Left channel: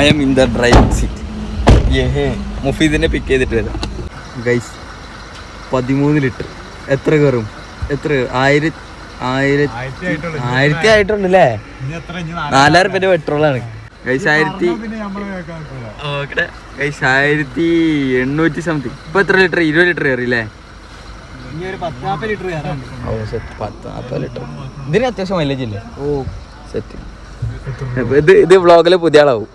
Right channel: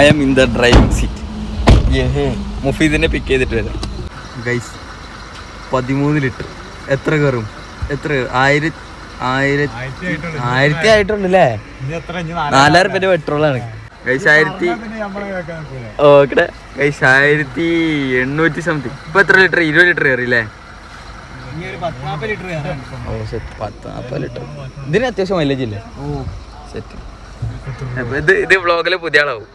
I M in the driving seat. മുഫീദിനെ pick ചെയ്തിട്ട് വരാം ഗൈസ്. 13 ലിറ്റർ എത്ര കയറും? എത്ര 1000 ആയിട്ടുണ്ടല്ലേ? 4000 രൂപ പെട്രോളാണ് ഗൈസ്. 1800 സംതിങ്. ഇപ്പൊ എത്ര ലിറ്റർ? 20 ലിറ്റർ കയറിയില്ലേ? 40 ലിറ്റർ. ഇതിന് അത്യാവശ്യം മൈലേജ് ഇല്ലേ? ഓ സെറ്റ്. ഇത് വ്ളോഗില് പുതിയ ആളാവും.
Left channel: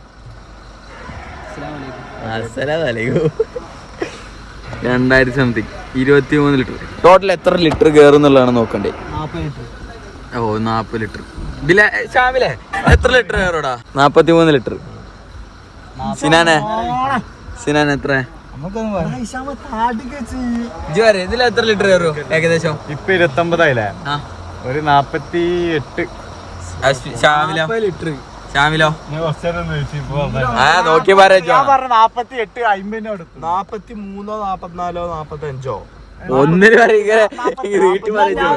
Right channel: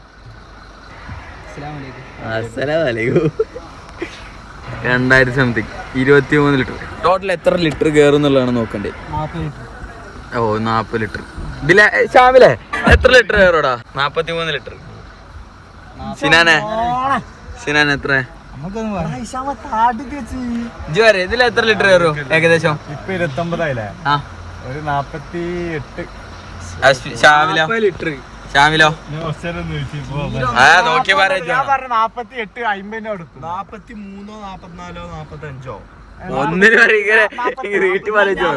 അസ്സലാമലൈക്കും. 2000 സംതിങ്. 23 ലിറ്റർ. ടോട്ടൽ എത്ര ലിറ്റർ കയറും എന്നുള്ളതാണ് നോക്കണ്ടേ. ഓ 40 ലിറ്റർ. ഷാമിലെ എത്ര ലിറ്റർ കയറോടാ? 43 ലിറ്റർ. സിനാൻ എത്ര? ഇതിൽ എത്ര ലിറ്റർ കയറും ഏകദേശം? ഇപ്പൊ 29 ആയില്ലേ? ഒരു 48. ഷാമിലോ നോക്കി പറയാ. 43, 44, 45. ഒന്നിന് പറയ വീട്ടിൽ പറയോ?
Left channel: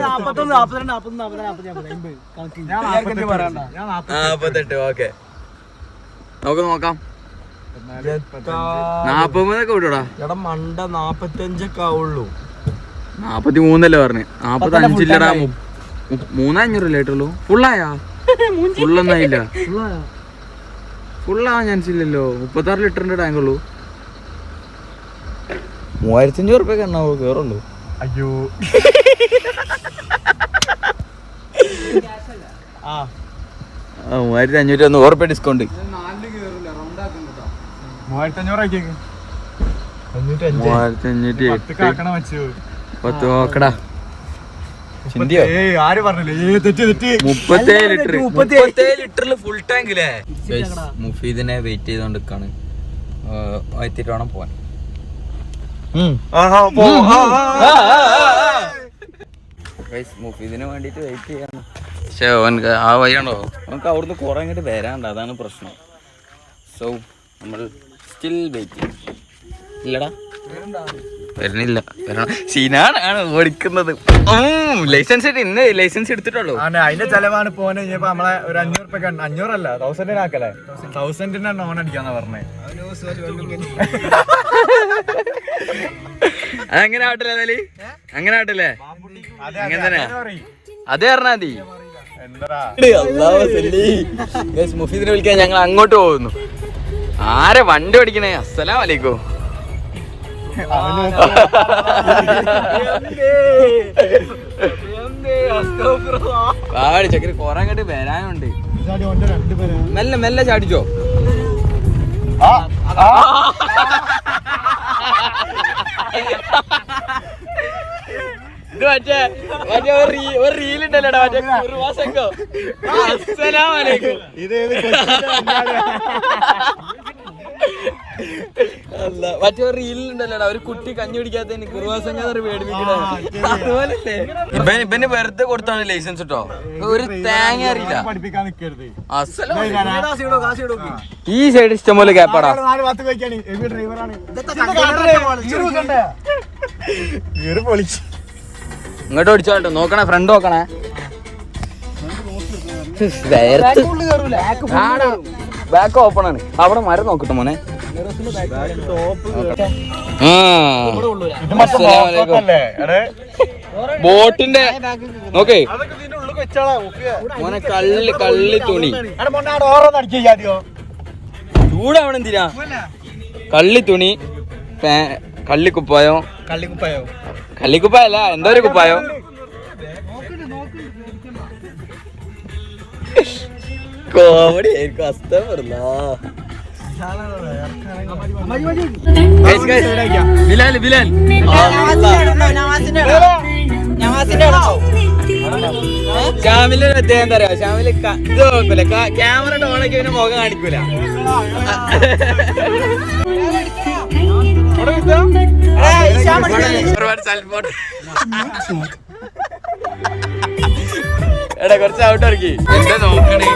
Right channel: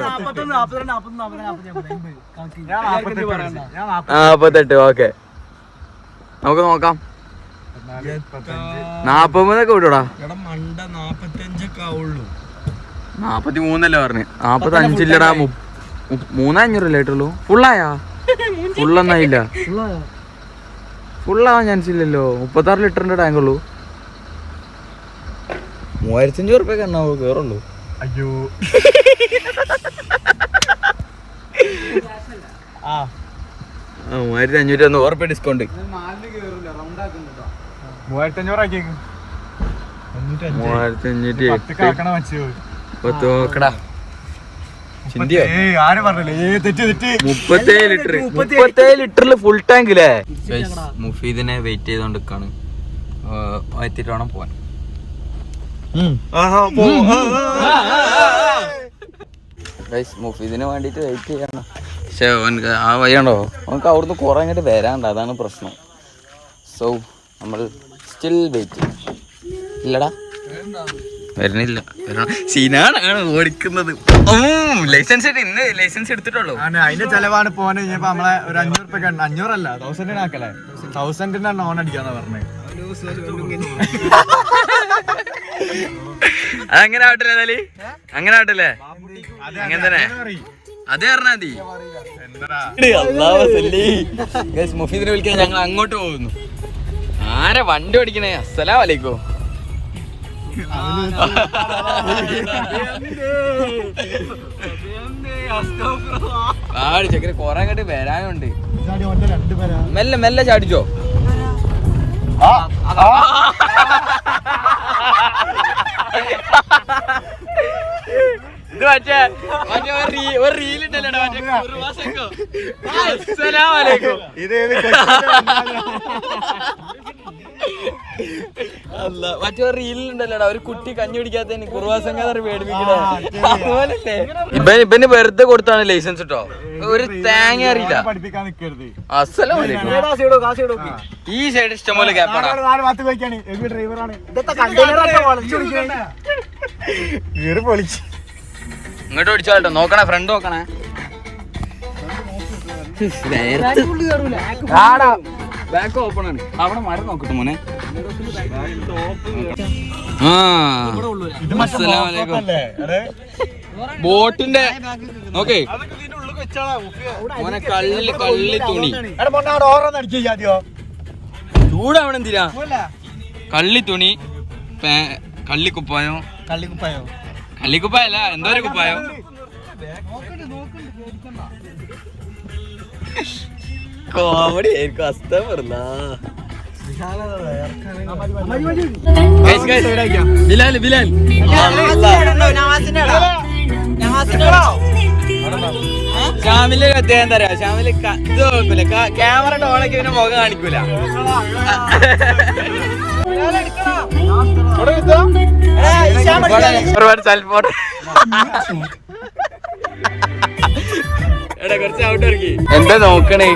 48. ഓക്കെ നമുക്ക് നോക്കാം. 40 വിടൂടാ. മണ്ട 45 ആവുള്ളൂ. 43 പറഞ്ഞ്. 45 ഇല്ലടാ. 3500 ആയിട്ടുള്ളൂ. ഫുള്ളായാ? ഫുള്ളൊന്നായില്ല. ഫുള്ളാവാൻ ചാൻസ് ഇല്ലല്ലോ. 36 ലിറ്ററിന്റെ ടാങ്ക് ഉള്ളൂ. 3500 റുപ്യൊക്കെ എണ്ണാവൂ കേറുള്ളൂ. അയ്യോ 3500 റുപ്യ ഡിസ്കൗണ്ട്. 3500 നോക്കടാ. ചിന്തിയോ? 37 ലിറ്ററിൽ ഫുൾ ടാങ്ക് അല്ലേ? മുഫീദിനെ വെയിറ്റ് ചെയ്തോണ്ടിരിക്കാണ്. എത്തിയിട്ട് വേണം പോവാൻ. മുഫീദിന് വേണ്ടിട്ട് വെയിറ്റ് ചെയ്യാണ്. പക്ഷെ അവനക്ക് ആ വഴിയാണോ? അവനക്ക് അവിടുന്ന് കുറെ അങ്ങോട്ട് വരാണ്ട്. അതാണ് പ്രശ്നം. സോ നമ്മൾ സ്റ്റിൽ വെയിറ്റ്. ഇല്ലടാ വരുന്നില്ല. സീനാണ് ഓടിക്കുന്നത്. ലൈസൻസ് ഇന്ന് ലൈസൻസ് എടുത്തിട്ടുള്ളൂ. അതിന്റെ ചെലവാണ് പോനെ. നമ്മളെ ഒരു 500 റുപ്യ 500 അല്ല 1000 ആക്കല്ലേ? 1000 ഓൺ അടിക്കാന്നാ പറഞ്ഞേ. അതങ്ങനെ ആവട്ടില്ലേ? എന്നാല് അങ്ങനെ ആവട്ടില്ലേ? അങ്ങനെ തന്നെ അത് പറഞ്ഞാ മതി. മുഫീദിനെ വിളിക്കാൻ ഞങ്ങൾ അങ്ങോട്ട് പോകുന്നു. ആരെ വണ്ടി ഓടിക്കണേ? അസ്സലാമലൈക്കും. ചക്കര കൊറേ അങ്ങോട്ട് വരാനുണ്ട്. മെല്ലെ മെല്ലെ ചാടിച്ചോ. ഇത് മറ്റേ ഒരു റീലുണ്ടല്ലോടാ മറ്റേ കുറുവാസംഘം. അസ്സലാമലൈക്കും. അല്ല മറ്റേ റീലുണ്ടല്ലോടാ ഒരു കുട്ടി കഞ്ഞി പിടിക്കാത്തതിന് കുറുവാസംഘം പേടിപ്പിക്കണേ. അതുപോലല്ലേ ഇവന് വെറുതെ കൊടുത്താണ് ലൈസൻസ് കേട്ടോ. ഒരു തേങ്ങ അറിയില്ല. ഈ സൈഡ് ഇഷ്ടംപോലെ ഗ്യാപ്പാടാ. ഇങ്ങോട്ട് ഓടിച്ചോ കേട്ടോ. നോക്കണേ ഫ്രണ്ട് നോക്കണേ. ബാക്ക് ഓപ്പൺ ആണ്. അവിടെ മരം നോക്കട്ടെ മോനെ. ബോട്ടിന്റെ നോക്കേ മോനെ. കള്ളി തുണി ചൂടാവണം. എന്തിനാ കള്ളി തുണി? കള്ളിക്കുപ്പായോ? കള്ളിക്കുപ്പായല്ല, എന്തോ ഒരു കുപ്പായോ. കോമഡി ആയിരിക്കും. അസ്ത പറഞ്ഞ ബിലാൽ ഷാമിലെ അദ്ദേഹം എന്താ പറയാ? ഷാമില് ഇത് നോക്കൂല. ക്യാമറ ഓണാക്കി പിന്നെ മുഖം കാണിക്കൂല. ഒരുപാട് സൽഫോൺ എടാ കുറച്ച് ഔട്ട് ഇറക്കി. എന്താ നോക്കണേ?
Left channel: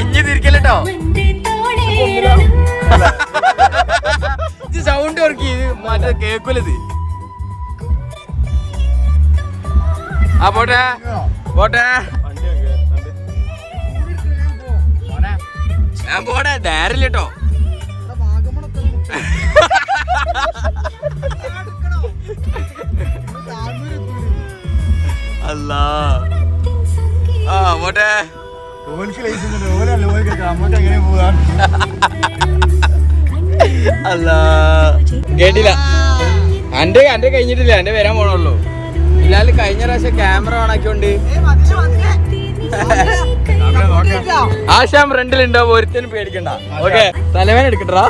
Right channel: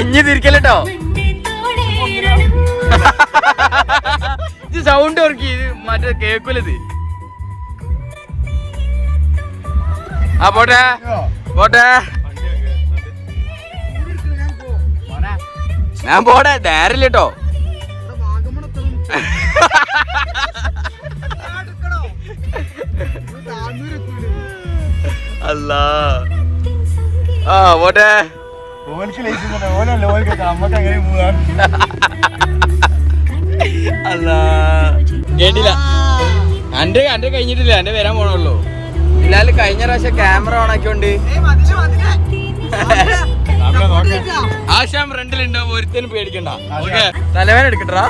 ഇഞ്ഞി തിരിക്കല്ലോ. ഇത് സൗണ്ട് ഇറക്കി. ഇത് മറ്റേ കേക്കൂലത്. പോട്ടെ പോട്ടെ. ഞാൻ പോടെ നേരില്ലട്ടോ. അല്ല ആ പോട്ടെ. അല്ല കേട്ടില്ല. എന്റെ കഴിഞ്ഞിട്ടില്ല, എന്റെ വരാൻ പോണുള്ളൂ. ഇല്ലാല് കഴിഞ്ഞ പ്രാവശ്യം ക്യാമറ ഓൺ ആക്കിയോണ്ട് ആശാം ഫ്രണ്ടിലുണ്ടാവും, ഒരുത്തനും പേടിക്കണ്ട. ഓക്കെ തലവേന എടുക്കട്ടാ.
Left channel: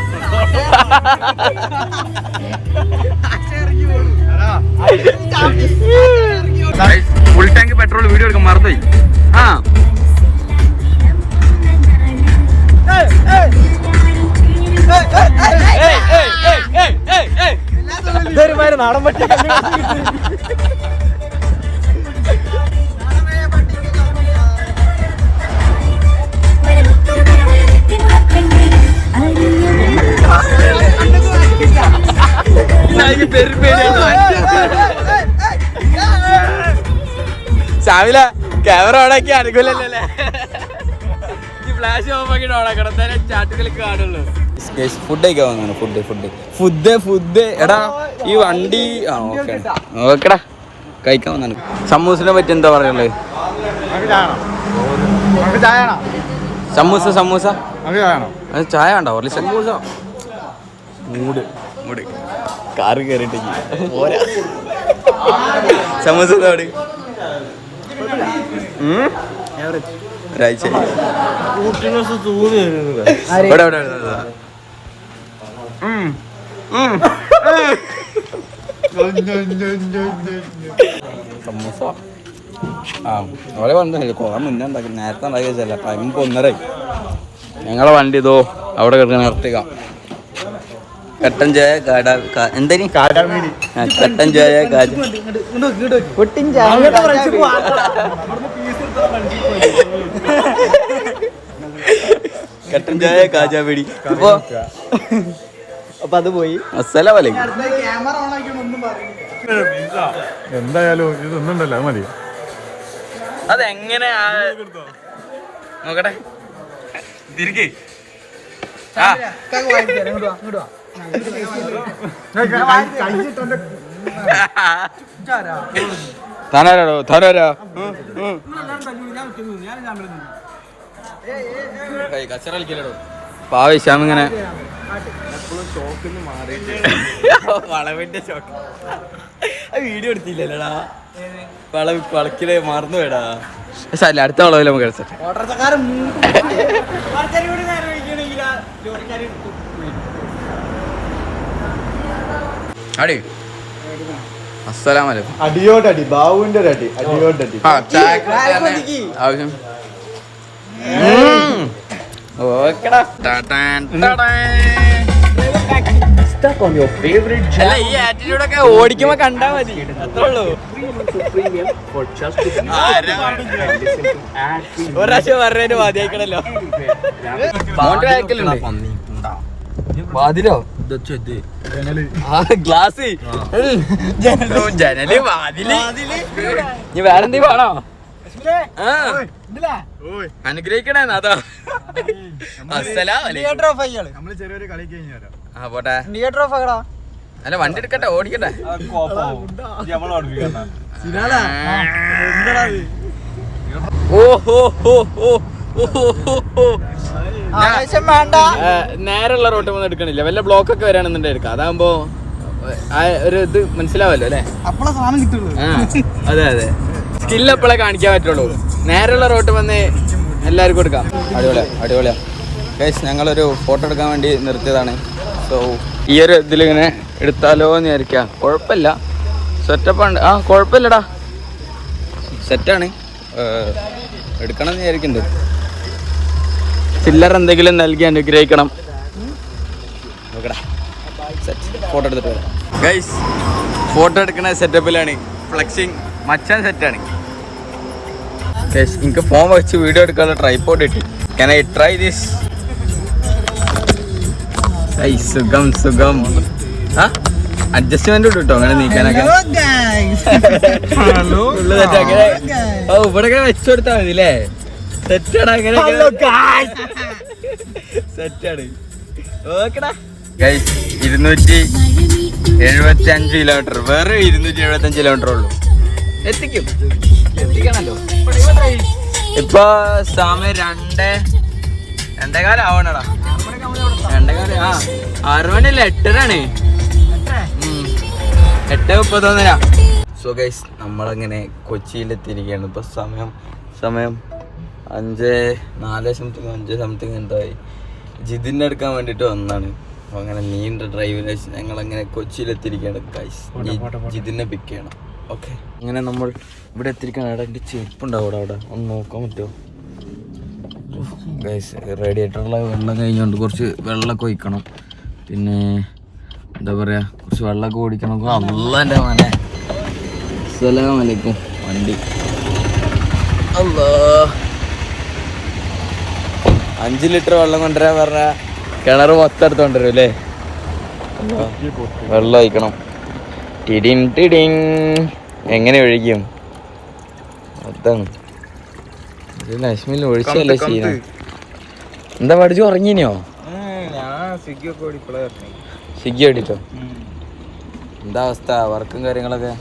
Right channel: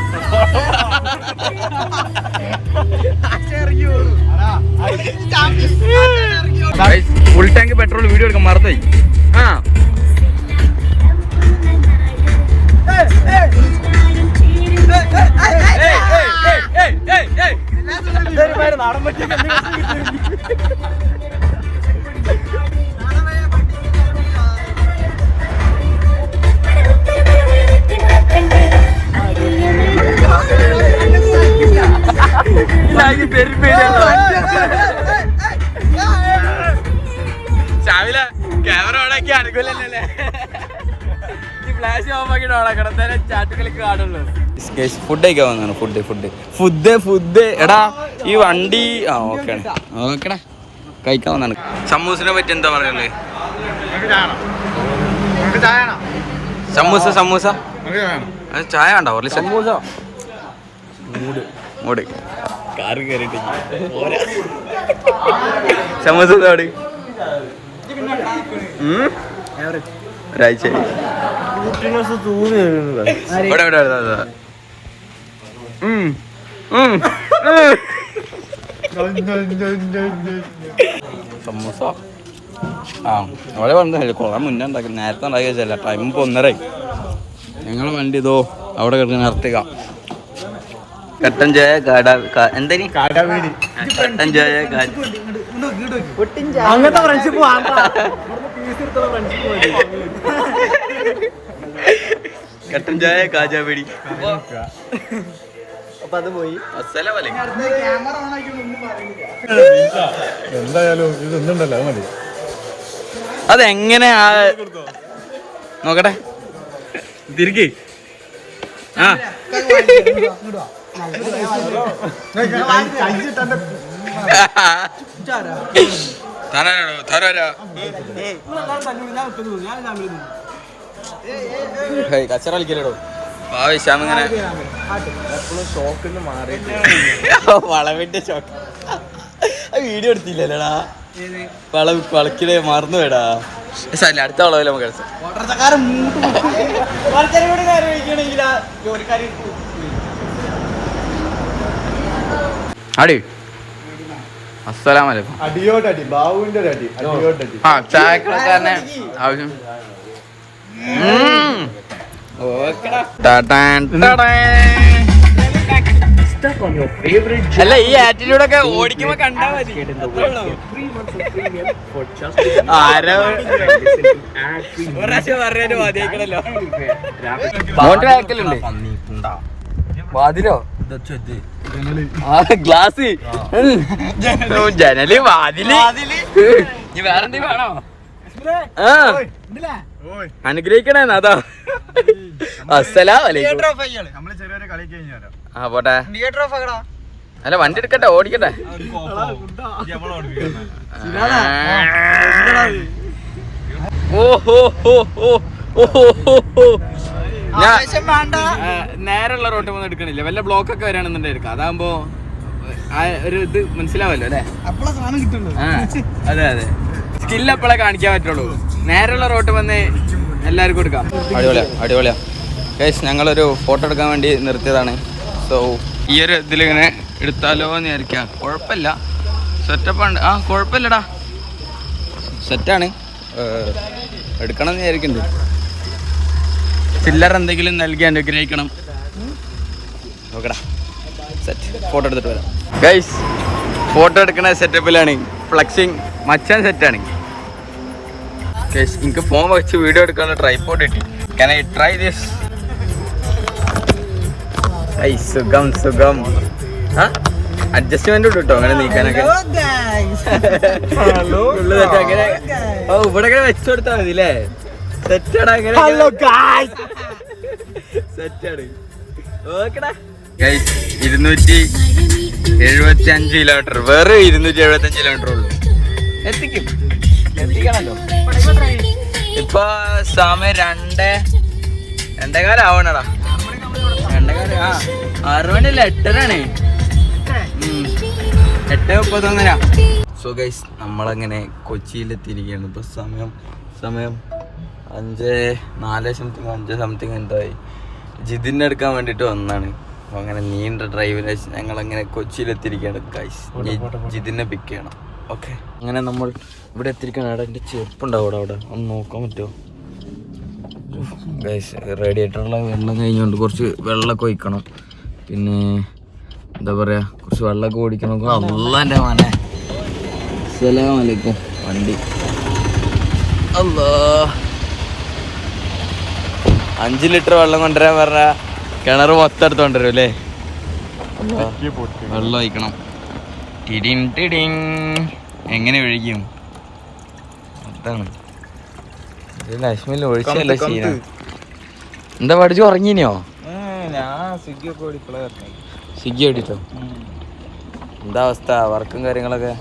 ഫുൾ ടാങ്ക് പെട്രോൾ വീഡിയോ എടുക്കാൻ മറന്നുപോയി. ആ സാവില ക്യാമറ ഓണാക്കി അനുകൂലല്ലേ? ഈ ഫ്ലാഷ് ഓഫ് ആക്കിട്ട് ഓണാക്കണം, തന്നെ ചാട്ടുകളിക്ക് കാണുള്ളൂ. ഫുഡ് കഴിക്കാൻ വന്നാണ്. ഫുഡ് എടാ ഈ വണ്ടി ആ ഓക്കെ ഓക്കെടാ കഴിക്കാൻ വന്നാണ്. സമൂസിനെ പറ്റി എന്താ പറയുള്ളത്? സമൂസ അത് ചായ വേണ്ട മൂട് കാറ് കയറിട്ട് സമൂസ ഒരാഴ്ച സമൂസ ആ അവിടെ വന്നില്ല, കുറെ മുന്നേ ഉണ്ടാക്കി, നേരത്തെ ഉണ്ടാക്കി വെച്ചല്ല. ടൈം ഇപ്പോൾ 1:30. ഞങ്ങളെ വണ്ടി ഇതോ അവിടെ കിടക്കുന്ന നിർത്തുക. കട്ടൻ ചായ എന്തായാലും കട്ടൻ ചായ കട്ടൻ ചായ കാജാപേടി. അപ്പൊ അത് പോയി. എന്തായാലും ഇതൊന്നുണ്ടല്ലോ, അത് മതി. അതെങ്ങനെ നോക്കട്ടെ തിരികെ. ആ താനാരോ കച്ചറ കളിക്കലോ പാവശ്യം ഇങ്ങനെ ഷോക്കിന്ന് മാറിയിട്ട് വളവിന്റെ ഷോക്ക്. വീഡിയോ എടുത്തില്ലല്ലോടാ, വളക്കില് മറന്നു വേടാ. അടുത്ത വളവില് നമുക്ക് അടി. അസ്സലാമലൈക്കും. ആ ചായക്കളൊക്കെ തന്നെ ആവശ്യം. അല്ല ഈ ആറ്റിറ്റ്യൂഡൊക്കെ ഓടിക്കുമ്പോ കണ്ടാ മതി, അത്രേ ഉള്ളൂ. ഒരാഴ്ച പറഞ്ഞതിന് മതിയാക്കണല്ലോ. വാതിലോ ഗ്ലാസ് ജനല് വാതില് ഇനി വേറെന്തീ വേണോ? അനുഗ്രഹിക്കണേ അതാ. ആ പോട്ടെ. അല്ല വണ്ടി എടുക്കട്ടെ, ഓടിക്കട്ടെ. നേരെയുള്ള റോട്ട് ഒന്നും എടുക്കണില്ല, വല്ല ബ്ലോക്ക് ഒക്കെ വരാണെന്നുണ്ടെങ്കിൽ എടുക്കാം. അതാകുമ്പോ ഒരു ഇത് മനസ്സിലാവല്ലോ അല്ലേ? അതെ സ്കില്ല് എപ്പോഴേ കാണിക്കാൻ പറ്റുള്ളൂ. നേരെയുള്ള റോട്ട് വന്ന് എല്ലാവർക്കും എടുക്കാം. അടിപൊളിയാ ഗൈസ്. ഞങ്ങളൊരു ഫോട്ടോ എടുക്കാൻ വേണ്ടി നിർത്തിയതാണ്. സോ ഈ ഒരു ഇതിലിങ്ങനെ എടുത്താലോ എന്ന് വിചാരിക്കാം. കുഴപ്പമില്ല, സെറ്റപ്പാണ്. ആ കുഴപ്പമില്ലടാ, സെറ്റാണ്. എടുക്കണം എന്ന് വിചാരിക്കുന്നുണ്ട്. ചില്ലർ എന്തെങ്കിലും നൽകി അനുഗ്രഹിക്കണം. നോക്കടാ, സെറ്റ്. ഫോട്ടോ എടുത്തിട്ട് വരാം ഗൈസ്. ഫോട്ടോ എടുക്കുന്ന സെറ്റപ്പിലാണ്. ഫ്ലക്സിങ് മച്ചാൻ സെറ്റാണ് ഗൈസ്. എനിക്ക് ഫോൺ വെച്ച് വീഡിയോ എടുക്കാനുള്ള ട്രൈപോഡ് ഇട്ട്. Can I try this? സുഖം. അഡ്ജസ്റ്റ്മെന്റ് കിട്ടോ അങ്ങനെ നീക്കാനൊക്കെ. ഇവിടെ വെച്ചു കൊടുത്താൽ മതി അല്ലേ? 275 കിലോമീറ്റർ, വേറെ 275 കിലോമീറ്റർ ഉള്ളൂ. എത്തിക്കണല്ലോ. ഇപ്പൊ സമയം 2:15 ആവണടാ. 2:15. 6 മണിയല്ല, 8:30 8:31. സോ ഗൈസ്, നമ്മളങ്ങനെ കൊച്ചിയിലെത്തിയിരിക്കുകയാണ്. ഇപ്പൊ സമയം 5:04 സംതിങ് എന്തായി. ജിതിനെ എടുക്കാൻ വേണ്ടിട്ട് വന്നാണ്. അപ്പൊ അങ്ങനെ നീണ്ട ഡ്രൈവിന് ഞങ്ങളങ്ങനെ കൊച്ചിയിലെത്തിയിരിക്കുകയാണ് ഗൈസ്. ജിതിനെ പിക്ക് ചെയ്യണം. ഓക്കെ, അങ്ങനെ നമ്മൾ ഇവിടെ എത്തിയിരിക്കുകയാണ്. അവിടെ എൻ്റെ ചെരുപ്പുണ്ടാവും അവിടെ ഒന്ന് നോക്കാൻ പറ്റുമോ ഗൈസ്? റേഡിയേറ്ററിലെ വെള്ളം കഴിഞ്ഞുകൊണ്ട് കുറച്ച് വെള്ളമൊക്കെ ഒഴിക്കണം. പിന്നെ എന്താ പറയുക, കുറച്ച് വെള്ളമൊക്കെ ഓടിക്കണം. അള്ളാൻ്റെ മോനെ, അസ്സലാമു അലൈക്കും. വണ്ടി അല്ലാ 5 ലിറ്റർ വെള്ളം കൊണ്ടുവരാൻ പറഞ്ഞാൽ കിണർ മൊത്തം എടുത്ത് കൊണ്ടുവരും അല്ലേ? വെള്ളം ഒഴിക്കണം. ടിടിങ് എങ്ങനെ ഒഴിക്കും? അതാണ് നശ്മിൽ ഒഴിച്ചല്ലോ സീന. എന്താ പഠിച്ചു ഉറങ്ങിനോ? സ്വിഗ്ഗി ഓടിച്ചോ? എന്താ അവസ്ഥ, വർക്കും കാര്യങ്ങളൊക്കെ?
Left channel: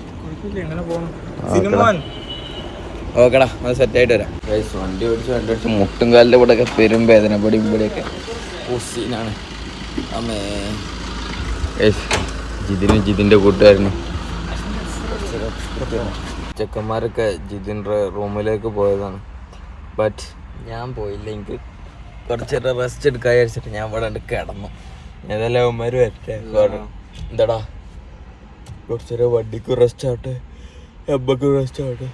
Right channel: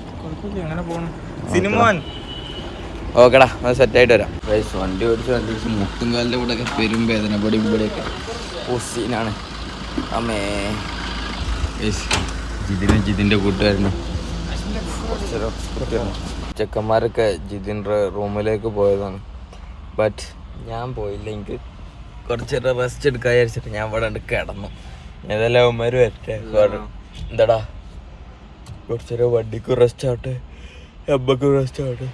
ഓക്കെടാ, അത് സെറ്റായിട്ട് വരാം. വണ്ടി ഓടിച്ച് മുട്ടും കാലിൻ്റെ കൂടെ ഒക്കെ പെരും വേദന, ഇവിടെയൊക്കെ സീനാണ്. അമ്മേ ജിതിൻ്റെ കൂട്ടുകാരനും ചെക്കന്മാരൊക്കെ ജിതിൻ്റെ റൂമിലേക്ക് പോയതാണ്. ബട്ട് ഞാൻ പോയില്ല. എനിക്ക് കുറച്ചേരം റെസ്റ്റ് എടുക്കാൻ വിചാരിച്ചിട്ട് ഞാൻ ഇവിടെ കിടന്നു. ഏതെല്ലാം അവന്മാർ വരട്ടെ. എന്താടാ, കുറച്ചേരം വണ്ടിക്ക് റെസ്റ്റ് ആവട്ടെ, അമ്മക്ക് റെസ്റ്റ് ആവട്ടെ.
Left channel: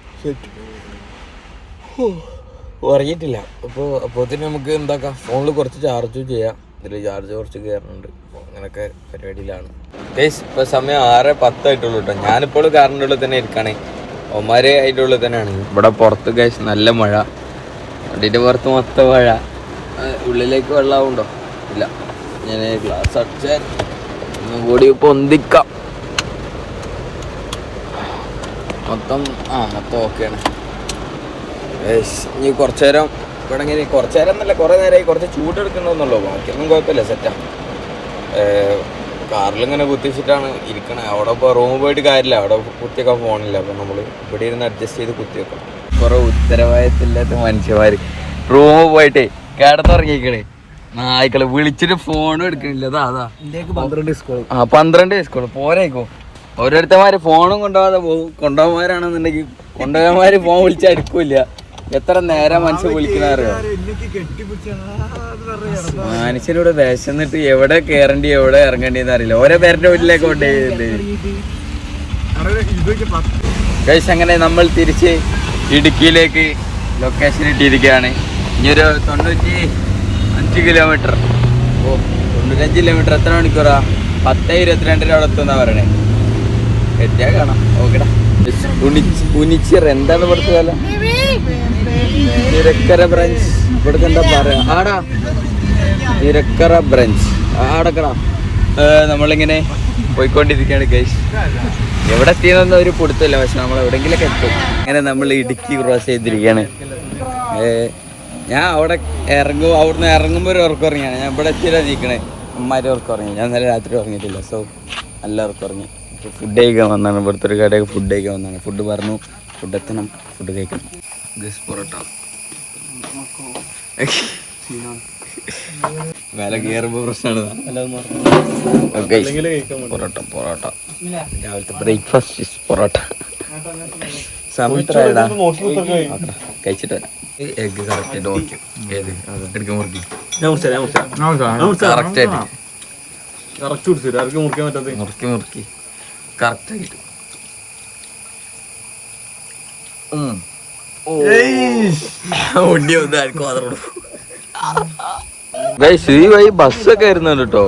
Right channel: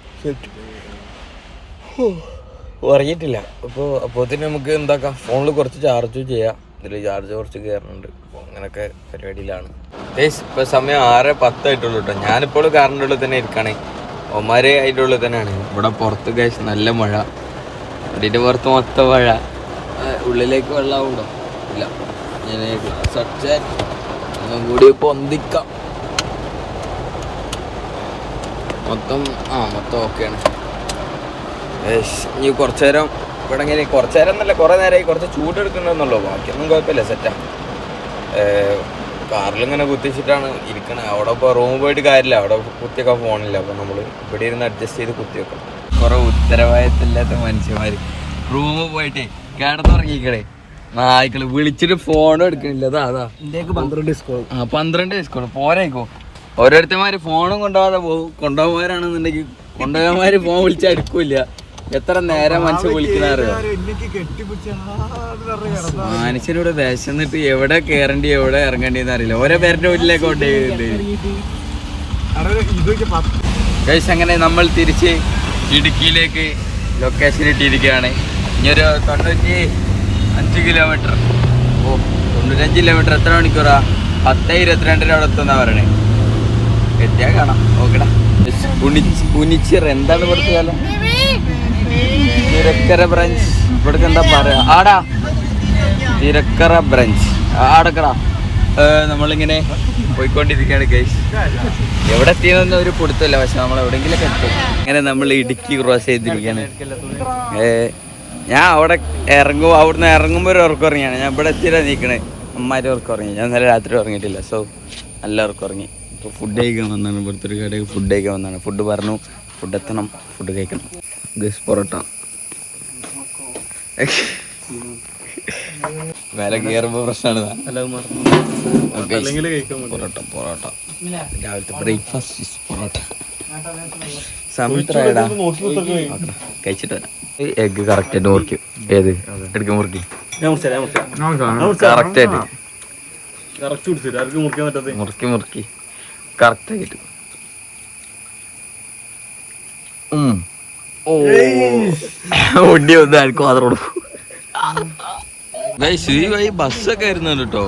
ഉറങ്ങിയിട്ടില്ല. അപ്പോഴത്തേന് നമുക്ക് എന്താക്കാം, ഫോണിൽ കുറച്ച് ചാർജ് ചെയ്യാം. ഇതിൽ ചാർജ് കുറച്ച് കയറുന്നുണ്ട്. അപ്പോൾ അങ്ങനെയൊക്കെ പരിപാടിയിലാണ്. ഇപ്പോൾ സമയം 6:10 ആയിട്ടുള്ളൂ കേട്ടോ. ഞാനിപ്പോൾ കാറിൻ്റെ ഉള്ളിൽ തന്നെ ഇരിക്കുകയാണ്. ഒമാര് അതിൻ്റെ ഉള്ളിൽ തന്നെയാണ്. ഇവിടെ പുറത്ത് ഗൈസ് നല്ല മഴ, വണ്ടിൻ്റെ പുറത്ത് മൊത്തം മഴ. ഉള്ളിലേക്ക് വെള്ളമാവുണ്ടോ? ഇല്ല. ഞാൻ ഗ്ലാസ് അടിച്ചാൽ ഒന്നും കൂടി പൊന്തിക്കാം. മൊത്തം ഓക്കെയാണ്. ഇനി കുറച്ചു നേരം ഇവിടെ ഇങ്ങനെ, കുറച്ചു നേരം എന്നല്ല, കുറേ നേരമായി കുറച്ച് ചൂടെടുക്കണമെന്നുള്ളൂ. ബാക്കിയൊന്നും കുഴപ്പമില്ല, സെറ്റാണ്. കാറിലിങ്ങനെ കുത്തിച്ചിട്ടാണ് ഇരിക്കണത്. അവിടെ ഇപ്പോൾ റൂമിൽ പോയിട്ട് കാര്യമില്ല, അവിടെ കുത്തിയൊക്കെ ഫോണില്ല. അപ്പോൾ നമ്മൾ ഇവിടെ ഇരുന്ന് അഡ്ജസ്റ്റ് ചെയ്ത് കുത്തിവെക്കാം. കുറേ ഉത്തരവാദിത്തമില്ലാത്ത മനുഷ്യന്മാർ റൂമിൽ പോയിട്ടേ കിടന്നുറങ്ങിക്കണേ. നായ്ക്കള് വിളിച്ചിട്ട് ഫോണും എടുക്കണില്ല. അതാ 12 സ്കൂൾ പോരായിക്കോ. ഓരോരുത്തന്മാര് ഫോണും കൊണ്ടുപോകാതെ പോകും. കൊണ്ടുപോകാനാണെന്നുണ്ടെങ്കിൽ കൊണ്ടുപോകാന്മാര് ഫോൺ വിളിച്ചാൽ എടുക്കൂല. എത്ര നേരം മനുഷ്യൻ വിളിക്കണറിയോ? മനുഷ്യനിവിടെ വിശന്നിട്ട് എവിടെ കയറേണ്ടി എവിടെ ഇറങ്ങേണ്ടിന്ന് അറിയില്ല. ഓരോ പേരുടെ വീട്ടിലേക്ക് കൊണ്ടുപോയി. അങ്ങനെ നമ്മൾ തിരിച്ച് ഇടുക്കിയിലേക്ക് ലൊക്കേഷൻ ഇട്ടിരിക്കുകയാണ്. ഇനിയൊരു 95 കിലോമീറ്റർ. 95 കിലോമീറ്റർ എത്ര മണിക്കൂറാ? 10:22 അവിടെ എത്തുന്നാ പറയണേ. എത്തിയാ കാണാം. ഓക്കെടാ. ഉനിച്ചിറ എന്താണ് ഇവിടുത്തെ കാലം? തിരക്കര ബ്രാഞ്ച്. ഇവിടേക്ക് എന്താ പറയാ? ആടാ തിരക്കര ബ്രാഞ്ച് ആടക്കടാ. നമ്മളിങ്ങനെ പോയിക്കൊണ്ടിരിക്കുകയാണ് ഗൈസ്. എവിടെ എത്തിയെന്നൊന്നും ഒരു പിടുത്തമില്ല, പക്ഷെ നമ്മൾ എവിടെയെങ്കിലൊക്കെ എത്തും. അങ്ങനെ നമ്മൾ ഇടുക്കി ക്രോസ് ചെയ്തിരിക്കുകയാണ്. ഞാൻ അവിടെ അവിടുന്ന് ഇറങ്ങുമ്പോൾ ഒരു ഉറക്കം ഉറങ്ങിയാണ്. ഞാൻ ഇവിടെ എത്തിയിട്ടാണ് നിൽക്കണേ. അമ്മമാരെ ഉറക്കം ഉറങ്ങി. ഞാൻ ഇന്നലെ രാത്രി ഉറങ്ങിയിട്ടില്ല. സോ നല്ല ഉറക്കം ഉറങ്ങി. ഇപ്പോൾ ഫുഡ് കഴിക്കാൻ വന്നാണ്. ഇവിടുത്തെ ഒരു കടയൊക്കെ ഫുഡ് കഴിക്കാൻ വന്നാണ്. ഫുഡ് പറഞ്ഞു, ഫുഡ് എത്തണം, ഫുഡ് കഴിക്കണം. ഗസ് പൊറോട്ട വില കയറുമ്പോൾ പ്രശ്നമാണ്. പൊറോട്ട രാവിലത്തെ ബ്രേക്ക്ഫാസ്റ്റ് പൊറോട്ട. സമയത്തായടാ കഴിച്ചിട്ട് വരാം. എഗ് കറക്റ്റായിട്ട് മുറിക്കും. ഏത് എടുക്കാൻ മുറിക്കും? കറക്റ്റായിട്ട് മുറുക്കി കറക്റ്റായിട്ട്. വണ്ടി വന്ന് ആർക്കും മാത്രം കൊടുക്കും. ഈ വഴി ബസ്സൊക്കെ വരുന്നുണ്ട് കേട്ടോ.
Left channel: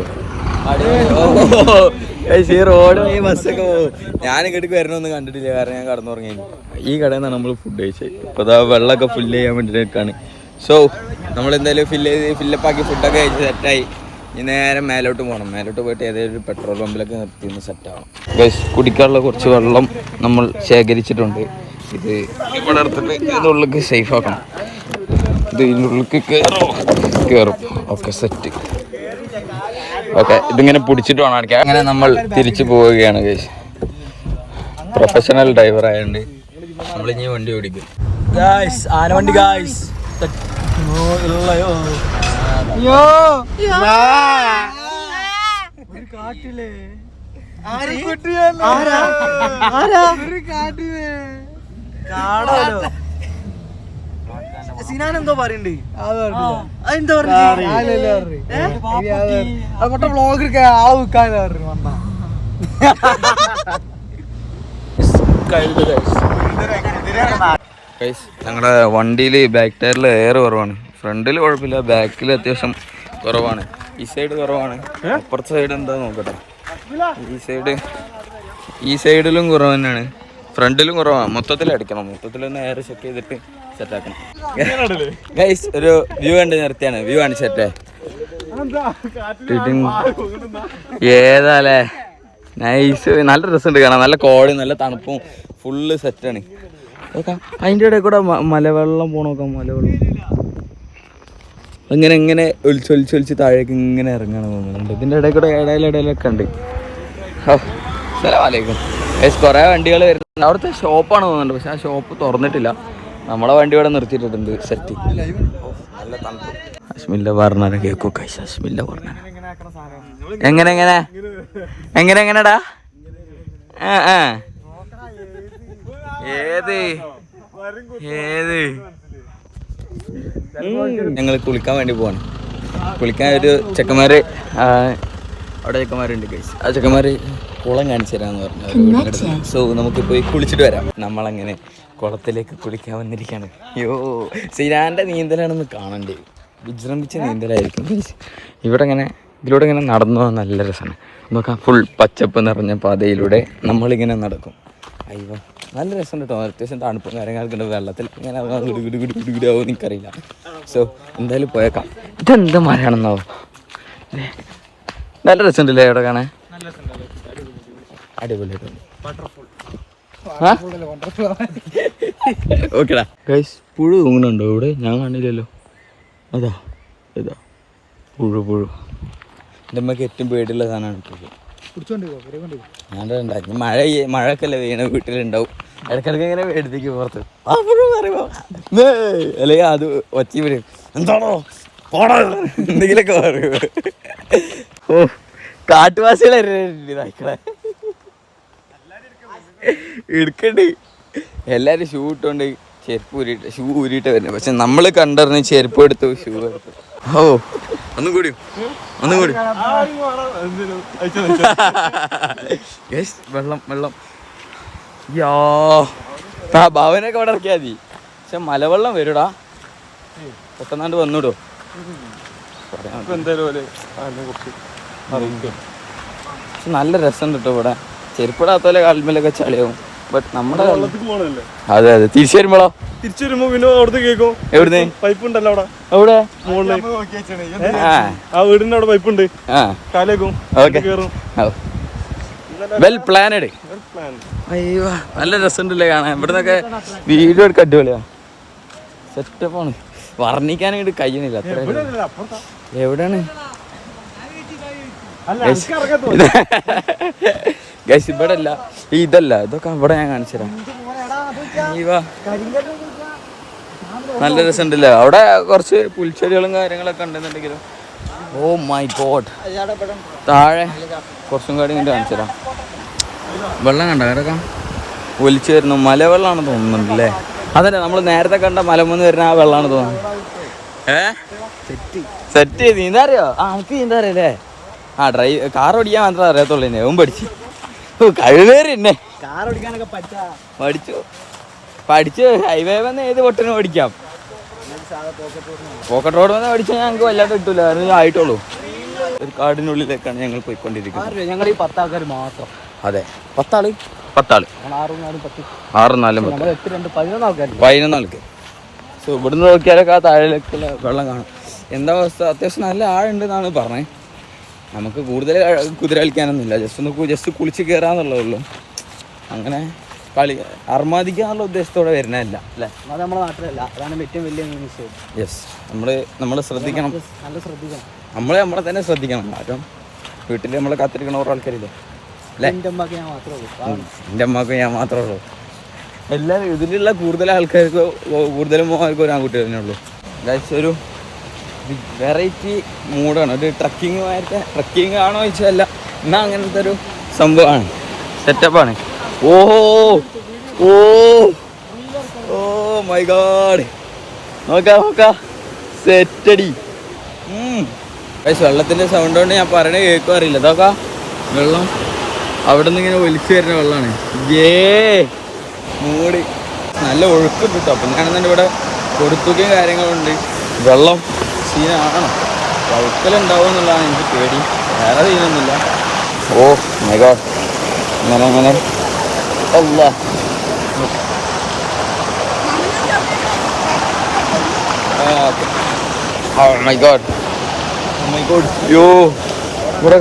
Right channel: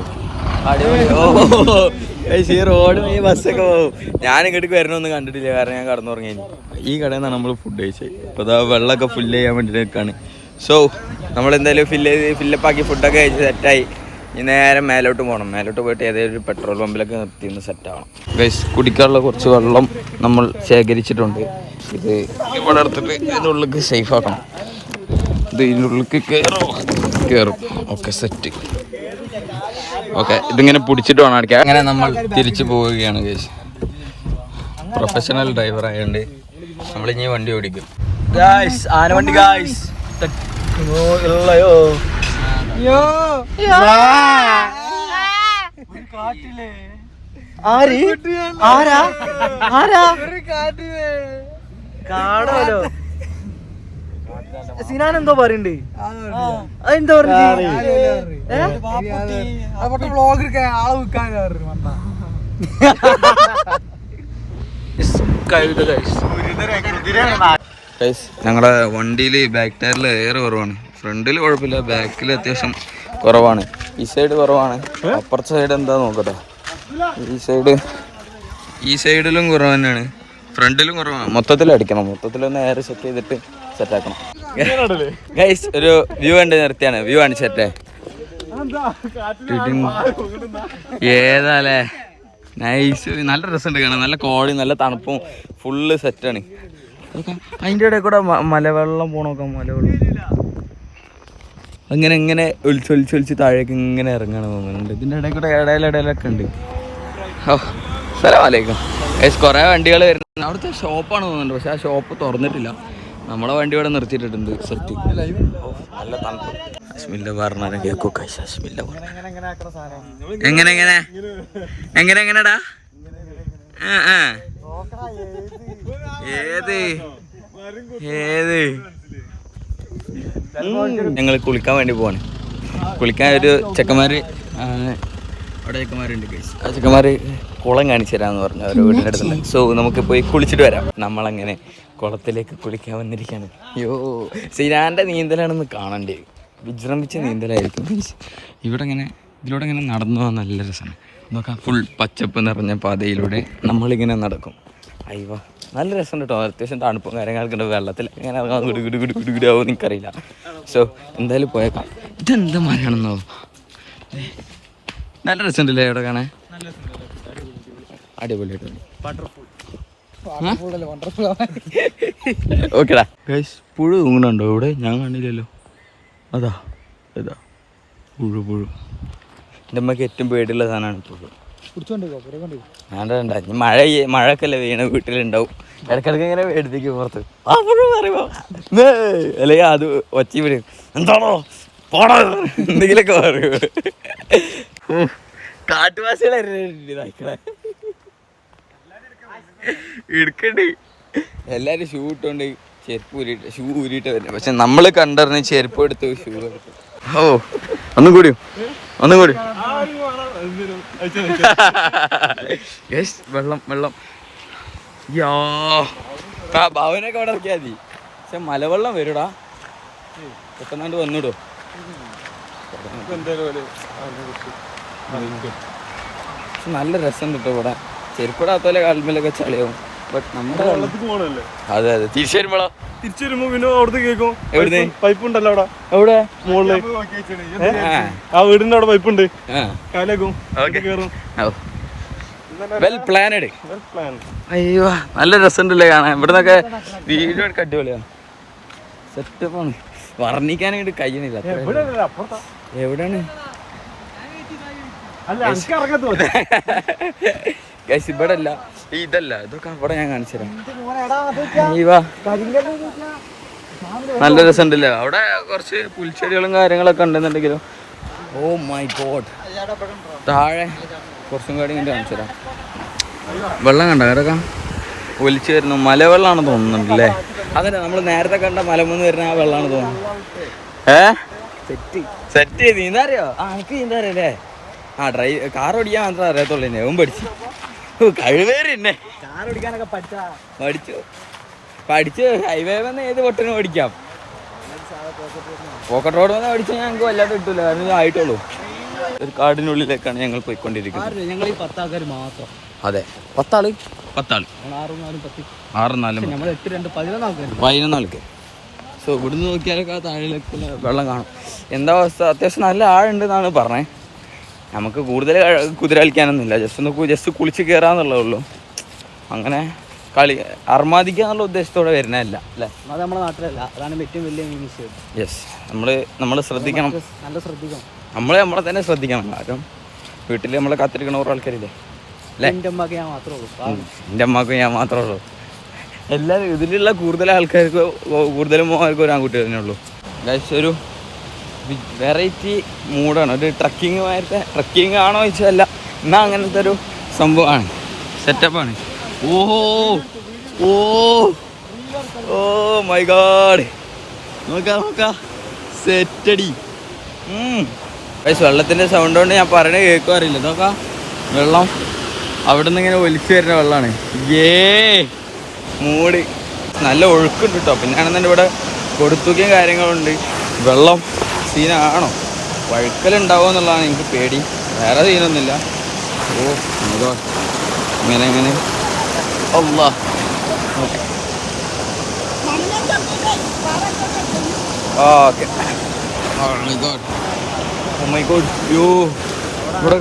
ഈ റോഡ് വഴി ബസ്സൊക്കെ പോകും. ഞാൻ ഇങ്ങോട്ട് വരണമെന്ന് കണ്ടിട്ടില്ല, കാരണം ഞാൻ കടന്നുറങ്ങി. ഈ കടയിൽ നിന്നാണ് നമ്മൾ ഫുഡ് കഴിച്ചത്. ഇപ്പോൾ അതാ വെള്ളമൊക്കെ ഫില്ല് ചെയ്യാൻ വേണ്ടിയിട്ട് നിൽക്കുകയാണ്. സോ നമ്മളെന്തായാലും ഫില്ലപ്പാക്കി ഫുഡൊക്കെ കഴിച്ച് സെറ്റായി. ഇനി നേരെ മേലോട്ട് പോകണം. മേലോട്ട് പോയിട്ട് ഏതെങ്കിലും ഒരു പെട്രോൾ പമ്പിലൊക്കെ നിർത്തി ഒന്ന് സെറ്റാവണം. ഗൈസ്, കുടിക്കാനുള്ള കുറച്ച് വെള്ളം നമ്മൾ ശേഖരിച്ചിട്ടുണ്ട്. ഇത് ഇവിടെ എടുത്തിട്ട് ഇതിൻ്റെ ഉള്ളിലേക്ക് സേഫ് ആക്കണം. ഇത് ഇതിനുള്ളിൽ കയറും. Okay set. ഓക്കെ ഇതിങ്ങനെ പിടിച്ചിട്ട് വേണം അടിക്കാൻ. അങ്ങനെ നമ്മൾ തിരിച്ചു പോവുകയാണ് ഗൈസ്. പ്രൊഫഷണൽ ഡ്രൈവർ ആയതുകൊണ്ട് നമ്മളിനി വണ്ടി ഓടിക്കും ഗായ്സ്. ആനവണ്ടി ഗായ്സ്. ഉള്ളയോ ഒരു കാട്ടിലെ കാണാലോ. സിനാൻ എന്തോ പറയണ്ടേ? അതെന്തോ വ്ളോഗ് എടുക്കാൻ ആള് വിൽക്കാൻ ഞങ്ങളുടെ വണ്ടിയിൽ ബാക്ക് ടയറിൽ എയർ കുറവാണ്. ഫ്രണ്ടിൽ കുഴപ്പമില്ല, ബാക്കിൽ അത്യാവശ്യം കുറവാണ്. ഈ സൈഡ് കുറവാണ്, അപ്പുറത്തെ സൈഡ് എന്താ നോക്കട്ടെ. ഈ സൈഡിലും കുറവ് തന്നെയാണ്, ഫ്രണ്ടിലും കുറവാണ്. മൊത്തത്തിൽ അടിക്കണം, മൊത്തത്തിലൊന്ന് എയർ ചെക്ക് ചെയ്തിട്ട് സെറ്റാക്കണം ഗൈസ്. ഒരു വ്യൂ ഉണ്ട്, നിർത്തിയാണ് വ്യൂ ആണ് സെറ്റേ. ഏതാല്ലേ നൈസ്, നല്ല രസമുണ്ട് കാണാൻ. നല്ല കോടയും നല്ല തണുപ്പും ഫുള്ള് സെറ്റാണ്. അതിൻ്റെ ഇടയിൽ കൂടെ മലവെള്ളം പോണോക്കാം. മലവെള്ളം ഇങ്ങനെ ഒലിച്ചൊലിച്ച് താഴേക്ക് ഇങ്ങനെ ഇറങ്ങാൻ തോന്നുന്നുണ്ട്. ഇതിൻ്റെ ഇടയിൽ കൂടെ ഇടയിലൊക്കെ ഉണ്ട്. ഓ അസ്സലാമലൈക്കും ഗൈസ്. കുറേ വണ്ടികൾ വരുന്നുണ്ട്. അവിടുത്തെ ഷോപ്പാണ് തോന്നുന്നുണ്ട്, പക്ഷെ ആ ഷോപ്പ് തുറന്നിട്ടില്ല. നമ്മളെ വണ്ടി ഇവിടെ നിർത്തിയിട്ടുണ്ട്. സെറ്റ് നല്ല തണുപ്പ്. അസ്മില്ല പറഞ്ഞാൽ കേൾക്കൂ ഗൈസ്. അസ്മില്ല പറഞ്ഞ എങ്ങനെടാ? ഏത് ഞങ്ങൾ കുളിക്കാൻ വേണ്ടി പോവാണ്. കുളിക്കാൻ ഒരു ചെക്കന്മാര് അവിടെ ചെക്കന്മാരുണ്ട് ഗൈസ്. ആ ചെക്കന്മാര് കുളം കാണിച്ചു തരാമെന്ന് പറഞ്ഞു അവരുടെ വീടിൻ്റെ അടുത്ത്. സോ നമുക്ക് പോയി കുളിച്ചിട്ട് വരാം. നമ്മളങ്ങനെ കുളത്തിലേക്ക് കുളിക്കാൻ വന്നിരിക്കുകയാണ്. അയ്യോ സിനാൻ്റെ നീന്തലാണെന്ന് കാണണ്ടേ, വിജൃംഭിച്ച നീന്തലായിരിക്കും ഗൈസ്. ഇതിലൂടെ ഇങ്ങനെ നടന്നു പോകാൻ നല്ല രസമാണ്. നോക്കാം, ഫുൾ പച്ചപ്പ് നിറഞ്ഞ പാതയിലൂടെ നമ്മളിങ്ങനെ നടക്കും. അയ്യോ നല്ല രസമുണ്ട് കേട്ടോ. അത്യാവശ്യം തണുപ്പും കാര്യങ്ങളൊക്കെ ഉണ്ട്. വെള്ളത്തിൽ ഇങ്ങനെ ഗുടുഗുടാവും എനിക്കറിയില്ല. സോ എന്തായാലും പോയേക്കാം. ഇതെന്ത് മരമാണെന്നാവും. നല്ല രസമുണ്ടല്ലേ ഇവിടെ കാണാൻ, അടിപൊളിയായിട്ടുണ്ട്. ഓക്കെടാ ഗൈസ്. പുഴു തൂങ്ങുന്നുണ്ടോ ഇവിടെ? ഞാൻ കാണില്ലല്ലോ. അതാ പുഴു. എൻ്റെ അമ്മക്ക് ഏറ്റവും പേടിയുള്ള സാധനമാണ് പുഴു. ഞാനുണ്ടായിരുന്നു മഴയൊക്കെ അല്ലേ വീണ വീട്ടിലുണ്ടാവും. ഇടയ്ക്കിടയ്ക്ക് ഇങ്ങനെ പേടിപ്പിക്കും പുറത്ത്. ആ പുഴു പറയുമ്പോ അല്ലെങ്കിൽ അത് ഒച്ച വരും, എന്താണോ പോണോ എന്തെങ്കിലുമൊക്കെ പറയൂ. ഓ കാട്ടുവാസികളെ എടുക്കണ്ട്. എല്ലാവരും ഷൂ ഇട്ടോണ്ട് ചെരുപ്പ് ഷൂ ഊരിയിട്ട് വരുന്നത്. പക്ഷെ നമ്മൾ കണ്ടറിഞ്ഞ് ചെരുപ്പ് എടുത്തു, ഷൂ എടുത്തു. ഓ ഒന്നും കൂടി വെള്ളം യാ ഭവനൊക്കെ അവിടെ ഇറക്കിയാൽ മതി. പക്ഷെ മലവെള്ളം വരൂടാ, പെട്ടെന്നാണ്ട് വന്നിടോ. നല്ല രസം കിട്ടും ഇവിടെ. ചെരുപ്പിടാത്തോലെ കാൽമേലൊക്കെ ചളിയാവും. ബട്ട് നമ്മുടെ അതെ തിരിച്ചു വരുമ്പോഴോ പിന്നെ അവിടുത്തെ കേൾക്കും. എവിടുന്ന് പൈപ്പ് ഉണ്ടല്ലോ അവിടെ, അവിടെ ആ വീടിന്റെ അവിടെ പൈപ്പ് ഉണ്ട്. കാലേക്കും കേറും. Well planned. അയ്യോ നല്ല രസമുണ്ടല്ലേ കാണാൻ. ഇവിടുന്നൊക്കെ വീഡിയോ എടുക്കാൻ അടിപൊളിയാ, സെറ്റപ്പാണ്. വർണ്ണിക്കാനായിട്ട് കഴിയുന്നില്ല. അത്ര എവിടെയാണ് ഗൈസ്? ഇവിടെ അല്ല, ഇതല്ല, ഇതൊക്കെ ഇവിടെ ഞാൻ കാണിച്ചു തരാം. നല്ല രസമുണ്ടല്ലോ. അവിടെ കുറച്ച് പുൽച്ചെടികളും കാര്യങ്ങളൊക്കെ ഉണ്ടെന്നുണ്ടെങ്കിലും ഓ മൈ ഗോഡ്. താഴെ കുറച്ചും കൂടി വേണ്ടി കാണിച്ചു തരാം. വെള്ളം കണ്ട കിടക്കാം ഒലിച്ചു വരുന്നു. മലവെള്ളമാണ് തോന്നുന്നുണ്ടല്ലേ? അതല്ലേ നമ്മൾ നേരത്തെ കണ്ട മലമൂന്ന് വരുന്ന ആ വെള്ളമാണ് തോന്നുന്നത്. സെറ്റ് നീന്താ അറിയോ? എനിക്ക് നീന്താ അറിയല്ലേ? കാർ ഓടിക്കാൻ മാത്രമേ അറിയത്തുള്ളൂ. എന്നെ ഓൻ പഠിച്ചു കഴിവേറി എന്നെ കാർ ഓടിക്കാനൊക്കെ പഠിച്ചു ഹൈവേ വന്ന് ഏത് പൊട്ടിനും ഓടിക്കാം. പോക്കറ്റ് റോഡ് വന്ന് പഠിച്ചാൽ ഞങ്ങൾക്ക് വല്ലാണ്ട് കിട്ടൂല, കാരണം ആയിട്ടുള്ളൂ. ഒരു കാടിനുള്ളിലേക്കാണ് ഞങ്ങൾ പോയിക്കൊണ്ടിരിക്കുന്നത്. ഞങ്ങൾ ഈ 10 ആൾക്കാർ മാത്രം. അതെ 10 ആള് 11 ആൾക്ക്. സോ ഇവിടുന്ന് നോക്കിയാലൊക്കെ ആ താഴേക്ക് വെള്ളം കാണും. എന്താ അവസ്ഥ? അത്യാവശ്യം നല്ല ആഴുണ്ടെന്നാണ് പറഞ്ഞത്. നമുക്ക് കൂടുതൽ കുതിര കളിക്കാനൊന്നുമില്ല, ജസ്റ്റ് കുളിച്ച് കയറാന്നുള്ളതേ ഉള്ളൂ. അങ്ങനെ കളി അർമാദിക്കാന്നുള്ള ഉദ്ദേശത്തോടെ വരുന്നതല്ല അല്ലേ? അത് നമ്മുടെ നാട്ടിലല്ല, അതാണ് ഏറ്റവും വലിയ മിസ്റ്റേക്ക്. യെസ്, നമ്മൾ ശ്രദ്ധിക്കണം, നല്ല ശ്രദ്ധിക്കണം. നമ്മളെ തന്നെ ശ്രദ്ധിക്കണം. കാരണം വീട്ടിൽ നമ്മളെ കാത്തിരിക്കണ ഓരോ ആൾക്കാരില്ലേ അല്ലേ? എൻ്റെ അമ്മക്ക് ഞാൻ മാത്രമേ ഉള്ളൂ. എൻ്റെ അമ്മക്ക് ഞാൻ മാത്രമേ ഉള്ളൂ. എല്ലാവരും ഇതിലുള്ള കൂടുതൽ ആൾക്കാർക്ക് കൂടുതലും ആൾക്കും ഒരു ആൺകുട്ടി തന്നെ ഉള്ളൂ. ഗൈസ്, ഒരു വെറൈറ്റി മൂഡാണ്. ഒരു ട്രക്കിങ് ആണോ ചോദിച്ചല്ല, എന്നാൽ അങ്ങനത്തെ ഒരു സംഭവമാണ്, സെറ്റപ്പാണ്. ഓഹോ ഓ ഓ മൈ ഗോഡ്, നോക്കാം സെറ്റടി. ഗൈസ്, വെള്ളത്തിൻ്റെ സൗണ്ട് കൊണ്ട് ഞാൻ പറയണത് കേൾക്കും അറിയില്ല. ഇതൊക്കെ വെള്ളം അവിടെ നിന്ന് ഇങ്ങനെ ഒലിച്ചു വരുന്ന വെള്ളമാണ്. മൂട് നല്ല ഒഴുക്കുണ്ട് കേട്ടോ. പിന്നെയാണെന്നുണ്ട് ഇവിടെ കൊടുത്തുകയും കാര്യങ്ങളുണ്ട്. വെള്ളം സീനാണോ, വഴുക്കലുണ്ടാവും എന്നുള്ളതാണ് എനിക്ക് പേടി, വേറെ സീനൊന്നുമില്ല. ഓ മൈ ഗോഡ്, ഇങ്ങനെ അല്ലാ. ഓക്കെ, ഓ മൈ ഗോഡ് യോ, ഇവിടെ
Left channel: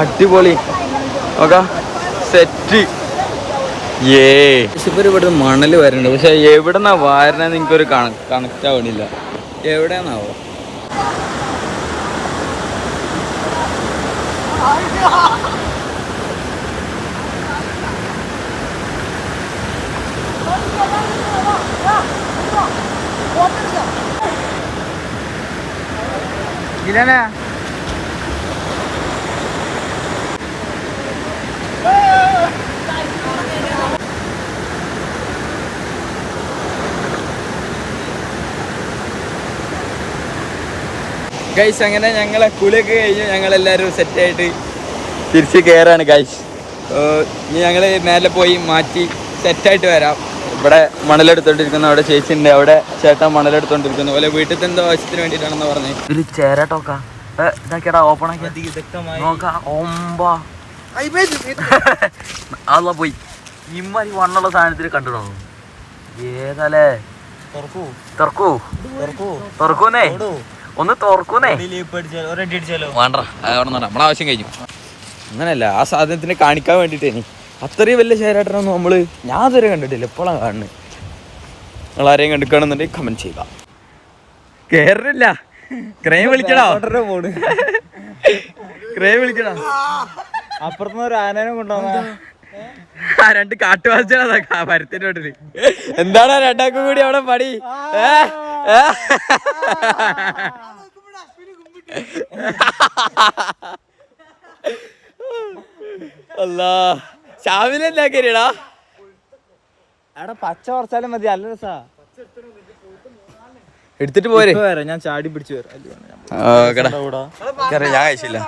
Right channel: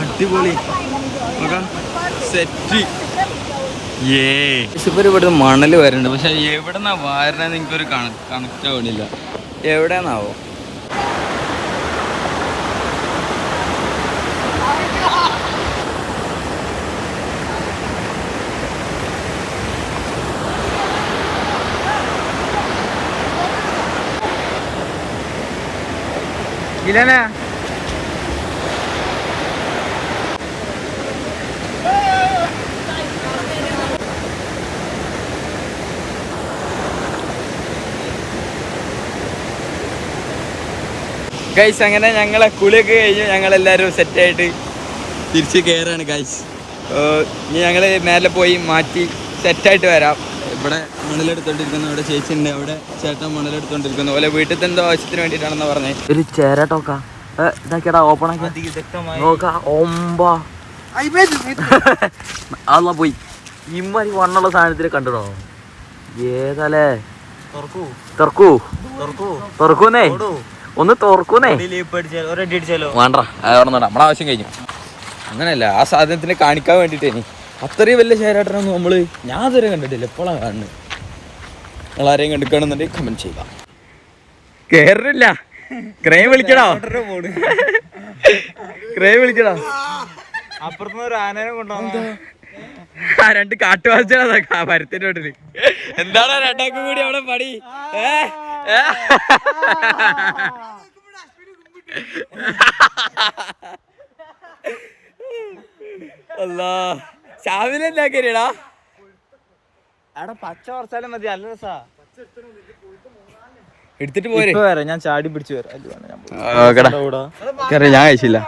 അടിപൊളി നോക്കാം, സെറ്റ്. ഇപ്പൊ ഇവിടെ മണൽ വരുന്നുണ്ട്, പക്ഷെ എവിടെന്നാ വാരണന്ന് എനിക്കൊരു കണക്റ്റ് ആവണില്ല. എവിടെന്നാവോ? ഇല്ലേ ഗൈസ്, അങ്ങനെ ഞങ്ങളെ കുളിയൊക്കെ കഴിഞ്ഞ് ഞങ്ങളെല്ലാവരും സെറ്റായിട്ട് തിരിച്ച് കയറാണ് ഗൈസ്. ഇനി ഞങ്ങൾ മേലെ പോയി മാറ്റി സെറ്റായിട്ട് വരാം. ഇവിടെ മണലെടുത്തോണ്ടിരിക്കുന്നു, അവിടെ ചേച്ചി ഉണ്ട്, അവിടെ ചേട്ടൻ മണലെടുത്തോണ്ടിരിക്കുന്നു. അതുപോലെ വീട്ടിൽ എന്തോ ആവശ്യത്തിന് വേണ്ടിയിട്ടാണെന്ന് പറഞ്ഞത്. ഒരു ചേരാട്ടോക്കാ ഇതാക്കിയടാ, ഓപ്പൺ ആക്കി അല്ല പോയി ഇമ്മാരി വണ്ണുള്ള സാധനത്തിൽ കണ്ടിടോ. ഏതല്ലേ തുറക്കൂന്നേ, ഒന്ന് തുറക്കൂന്നേ. വേണ്ട, നമ്മളെ ആവശ്യം കഴിഞ്ഞു. അങ്ങനെയല്ല, ആ സാധനത്തിന് കാണിക്കാൻ വേണ്ടിട്ടേനി. അത്രയും വലിയ ചേരാട്ടനൊന്നും ഞാൻ ഇതുവരെ കണ്ടിട്ടില്ല, എപ്പോഴാണ് കാണുന്നത്. നിങ്ങൾ ആരെയും കണ്ടിക്കുകയാണെന്നുണ്ടെങ്കിൽ കമന്റ് ചെയ്യുക. കേറില്ല, ക്രെയിൻ വിളിക്കണോ? ക്രെയിൻ വിളിക്കണോ? അപ്പുറത്തുനിന്ന് ഒരു ആനേനെ കൊണ്ടുപോകാം. രണ്ട് കാട്ടുവാസികളാ പരത്തിന്റെ വീട്ടില്. എന്താണ് രണ്ടാക്കും കൂടി അവിടെ പണി? അല്ലാ, ഷാമിലെ എന്താക്കിയടാ? അവിടെ പച്ച കുറച്ചാലും മതി, നല്ല രസാ. എടുത്തിട്ട് പോരെ, ഞാൻ ചാടി പിടിച്ചു വരാം. ഞാൻ കഴിച്ചില്ല.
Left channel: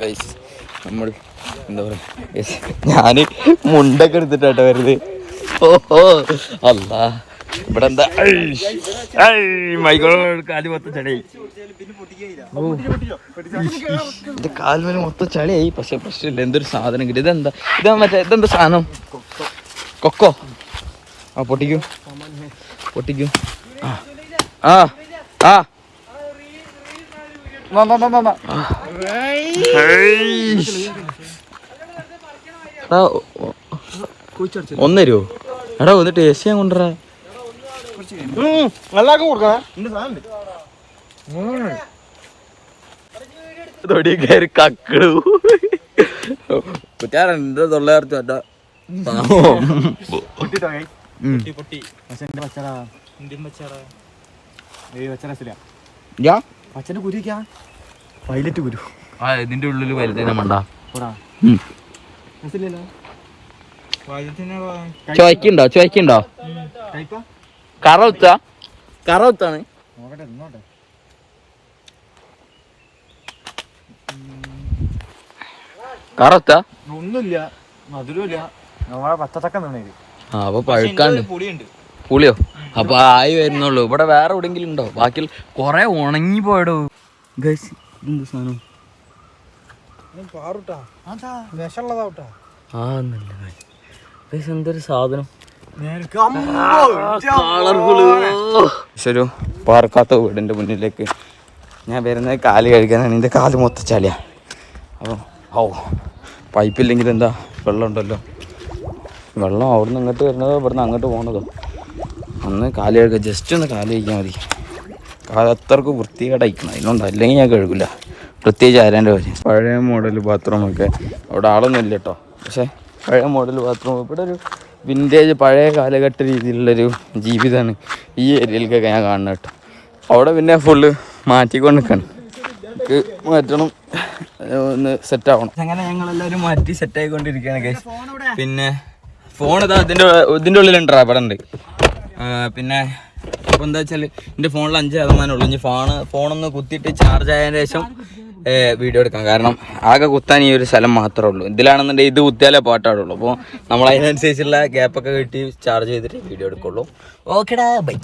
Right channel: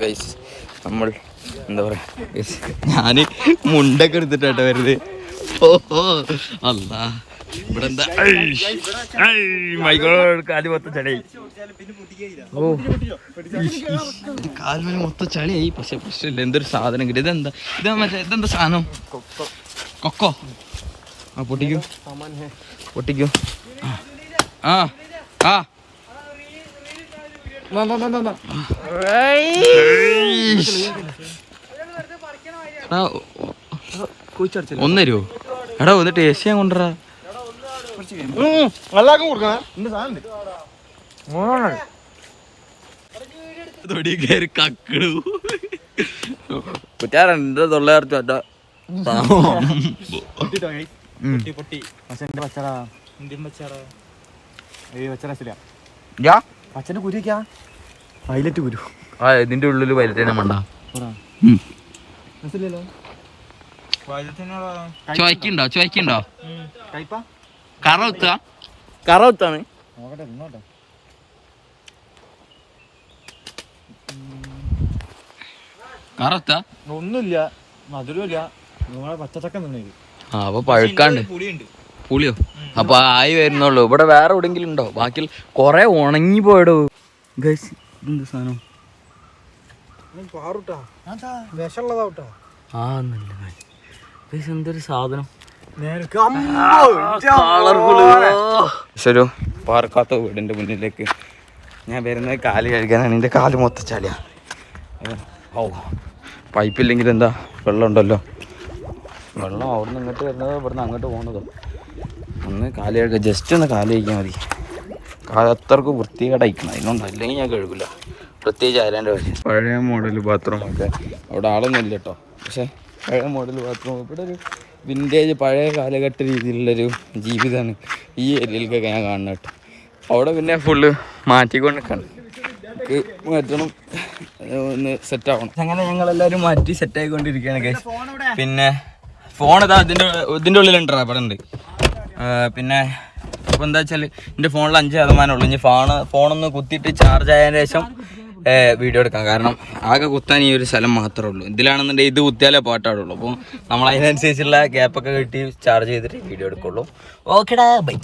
ഗൈസ്, നമ്മൾ എന്താ പറയാ, ഞാന് മുണ്ടൊക്കെ എടുത്തിട്ടാട്ടോ വരുന്നത്. ഓഹോ അല്ലാ, ഇവിടെ എന്താ കാല് മൊത്തം ചളിയായി. ഓ, എന്റെ കാൽമേല് മൊത്തം ചളിയായി. പക്ഷെ പ്രശ്നമില്ല, എന്തൊരു സാധനം കിട്ടി. ഇതെന്താ ഇതെന്താ സാധനം? കൊക്കോ? ആ, പൊട്ടിക്കും. ആ ആ ഒന്ന് തരുമോ? എടാ ഒന്ന് ടേസ്റ്റ് ചെയ്യാൻ കൊണ്ടുവരാ. തൊടി കയറി കക്കിടു കുറ്റാറുണ്ട് തൊള്ളേർച്ചു. പച്ചന്റെ കുരുക്കാ, വയലറ്റ് കുരു. ആ, ഇതിന്റെ ഉള്ളില് വയലറ്റ് മണ്ട. ചോയ്ക്കുണ്ടോ? കറവുത്താണ്. കറവുത്ത ഒന്നുമില്ല, മധുരമില്ല. നമ്മളെ പച്ചത്തക്ക നിന്നേര്. ആ, അപ്പൊ പഴുക്കാണ്ട്. പുളിയോ? അപ്പൊ ആയി വരുന്നുള്ളൂ. ഇവിടെ വേറെ എവിടെങ്കിലും ഉണ്ടോ? ബാക്കി കൊറേ ഉണങ്ങി പോയടോ. ഗൈസ്, ഇതെന്ത് സാധനം? എന്തൊരു സാധനം, ഒരു പാർക്കാത്ത വീടിന്റെ മുന്നിലേക്ക് ഞാൻ വരുന്നത് കാല് കഴുകാനാണ്. എൻ്റെ കാല് മൊത്തം ചളിയാ. അപ്പോൾ പൈപ്പില്ലെങ്കിൽ എന്താ വെള്ളം ഉണ്ടല്ലോ. വെള്ളം അവിടുന്ന് ഇങ്ങോട്ട് വരുന്നതോ ഇവിടുന്ന് അങ്ങോട്ട് പോകുന്നതോ. ഒന്ന് കാല് കഴുകുക, ജസ്റ്റ് ഒന്ന് കാല് കഴിക്കാൻ മതി. അത്രക്ക് വൃത്തികേടായിക്കണം, അതിനോണ്ട് അല്ലെങ്കിൽ ഞാൻ കഴുകില്ല. പ്രത്യേകിച്ച് ആരാൻ്റെ കാര്യം. പഴയ മോഡൽ ബാത്റൂമൊക്കെ അവിടെ ആളൊന്നും ഇല്ല കേട്ടോ. പക്ഷേ പഴയ മോഡൽ ബാത്റൂം ഇവിടെ ഒരു വിൻറ്റേജ് പഴയ കാലഘട്ട രീതിയിലുള്ളൊരു ജീവിതമാണ് ഈ ഏരിയയിലേക്കൊക്കെ ഞാൻ കാണുന്നത് കേട്ടോ. അവിടെ പിന്നെ ഫുള്ള് മാറ്റിക്കൊണ്ട് നിൽക്കണം, മാറ്റണം, ഒന്ന് സെറ്റാവണം. അങ്ങനെ ഞങ്ങളെല്ലാവരും മാറ്റി സെറ്റായിക്കൊണ്ടിരിക്കുകയാണ് ഗൈസ്. പിന്നെ ഫോൺ ഇതാ ഇതിൻ്റെ ഉള്ളിലുണ്ടാ ഇവിടെ ഉണ്ട്. പിന്നെ ഇപ്പോൾ എന്താ വെച്ചാൽ എൻ്റെ ഫോണിൽ 5% ഉള്ളൂ. ഇനി ഫോണൊന്ന് കുത്തിയിട്ട് ചാർജ് ആയതിനു ശേഷം വീഡിയോ എടുക്കാം. കാരണം ആകെ കുത്താൻ ഈ ഒരു സ്ഥലം മാത്രമേ ഉള്ളൂ. ഇതിലാണെന്നുണ്ടെങ്കിൽ ഇത് കുത്തിയാലേ പാട്ടാടുള്ളൂ. അപ്പോൾ നമ്മൾ അതിനനുസരിച്ചുള്ള ഗ്യാപ്പൊക്കെ കിട്ടി ചാർജ് ചെയ്തിട്ട് വീഡിയോ എടുക്കുള്ളൂ. ഓക്കെടാ, ബൈ.